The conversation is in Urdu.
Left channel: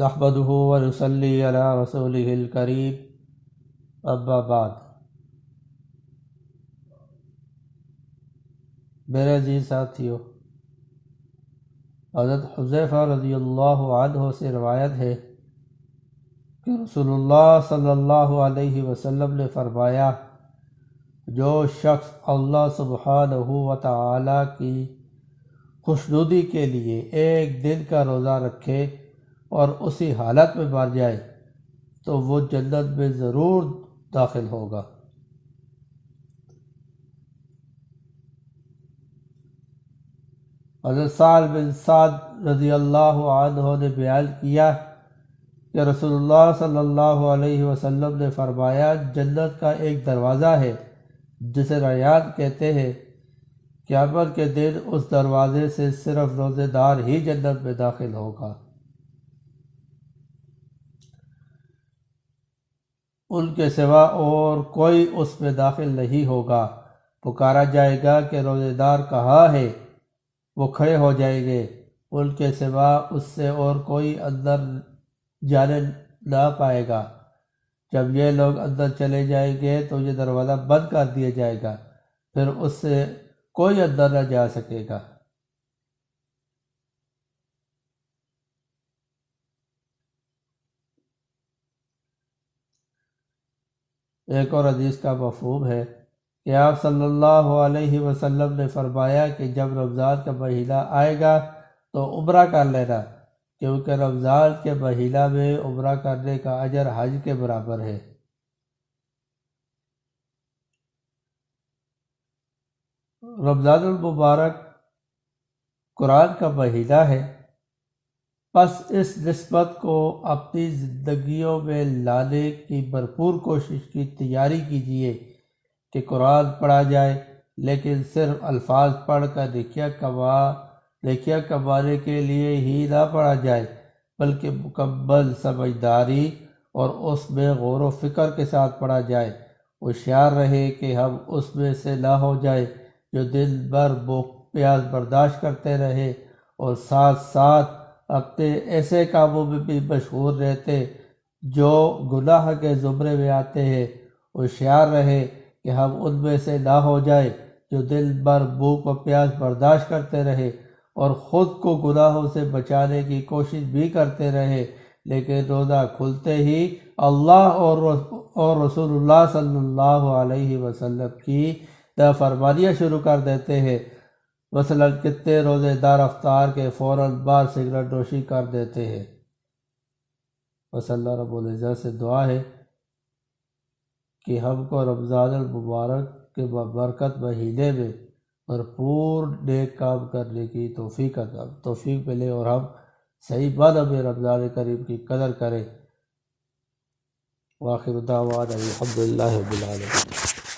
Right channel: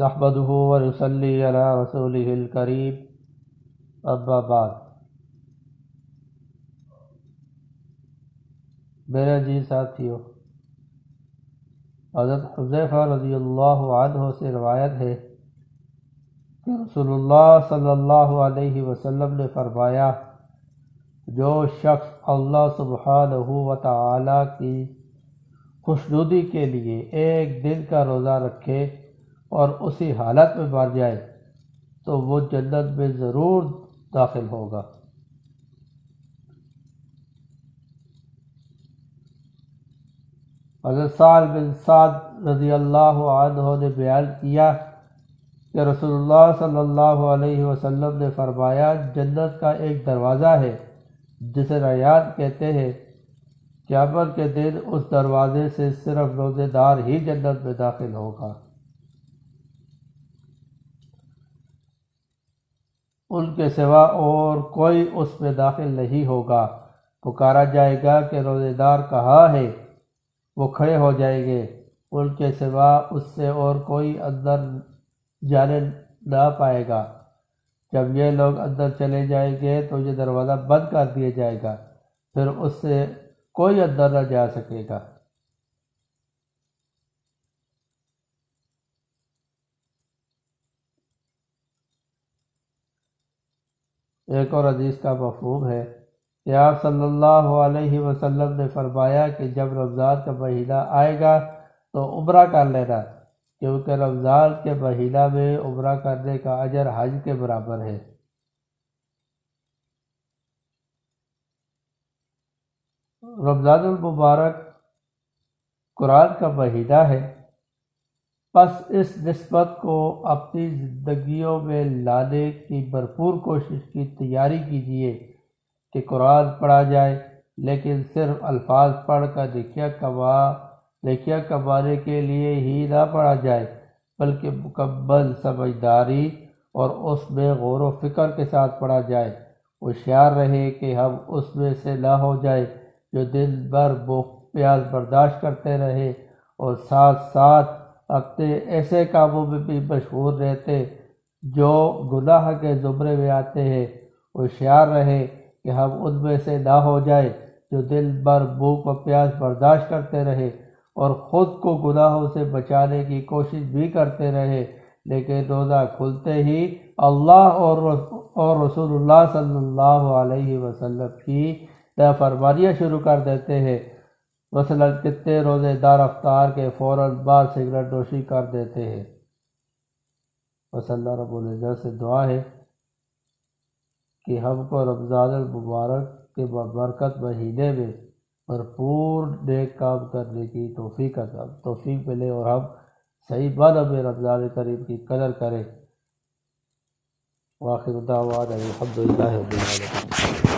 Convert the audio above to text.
نحمده ونصلي على رسوله الكريم اما بعد۔ میرے عزیز ساتھیو، حضرت حذیفہ رضی اللہ عنہ سے روایت ہے کہ رسول اللہ صلی اللہ علیہ وسلم نے فرمایا، جو شخص اللہ سبحانہ و تعالی کی خوشنودی کے لیے ایک دن کا روزہ رکھے اور اسی حالت میں مر جائے تو وہ جنت میں ضرور داخل ہوگا۔ حضرت سعد بن سعد رضی اللہ عنہ نے بیان کیا کہ رسول اللہ صلی اللہ علیہ وسلم نے فرمایا، جنت کا ایک دروازہ ہے جسے ریان کہتے ہیں، قیامت کے دن اس دروازے سے صرف روزے دار ہی جنت میں داخل ہوگا۔ ان کے سوا اور کوئی اس میں داخل نہیں ہوگا۔ پکارا جائے گا کہ روزے دار کہاں ہے؟ وہ کھڑے ہو جائیں گے، ان کے سوا اس سے اور کوئی اندر جانے نہ پائے گا۔ جب یہ لوگ اندر چلے جائیں گے تو یہ دروازہ بند کر دیا جائے گا، پھر اس سے کوئی اندر نہ جا سکے گا۔ ایک اور حدیث کا مفہوم ہے کہ آپ صلی اللہ علیہ وسلم نے فرمایا کہ جب رمضان کا مہینہ آئے گا تو عمرہ کر لینا، کیونکہ رمضان کے مہینہ میں عمرہ کرنے کا اجر حج کے برابر ہے۔ رمضان المبارک قرآن کا مہینہ ہے، پس اس نسبت کو اپنی زندگیوں میں لانے کی بھرپور کوشش کی تیاری کیجیے کہ قرآن پڑھا جائے، لیکن صرف الفاظ پڑھ کر نیکیاں کمانے کے لیے ہی نہ پڑھا جائے، بلکہ مکمل سمجھداری اور اس میں غور و فکر کے ساتھ پڑھا جائے۔ ہوشیار رہے کہ ہم اس میں سے نہ ہو جائے جو دن بھر بھوک پیاس برداشت کرتے رہے اور ساتھ ساتھ اپنے ایسے کاموں میں بھی مشغول رہتے جو گناہ کے زمرے میں آتے ہیں۔ ہوشیار رہے کہ ہم ان میں سے نہ ہو جائے جو دن بھر بھوک و پیاس برداشت کرتے رہے اور خود کو گناہوں سے بچانے کی کوشش بھی کرتے رہے، لیکن روزہ کھلتے ہی اللہ اور رسول اللہ صلی اللہ علیہ وسلم کی نافرمانیاں شروع کر دیتے ہیں۔ مثلاً کتنے روزے دار افطار کے فوراً بعد سگریٹ نوشی کر دیتے ہیں۔ بس اللہ رب العزت سے دعا ہے کہ ہم کو رمضان المبارک کے بابرکت مہینے میں بھرپور نیک کام کرنے کی توفیق ملے اور ہم صحیح معنی میں رمضان کریم کی قدر کریں۔ وآخر دعوانا الحمدللہ رب العالمین۔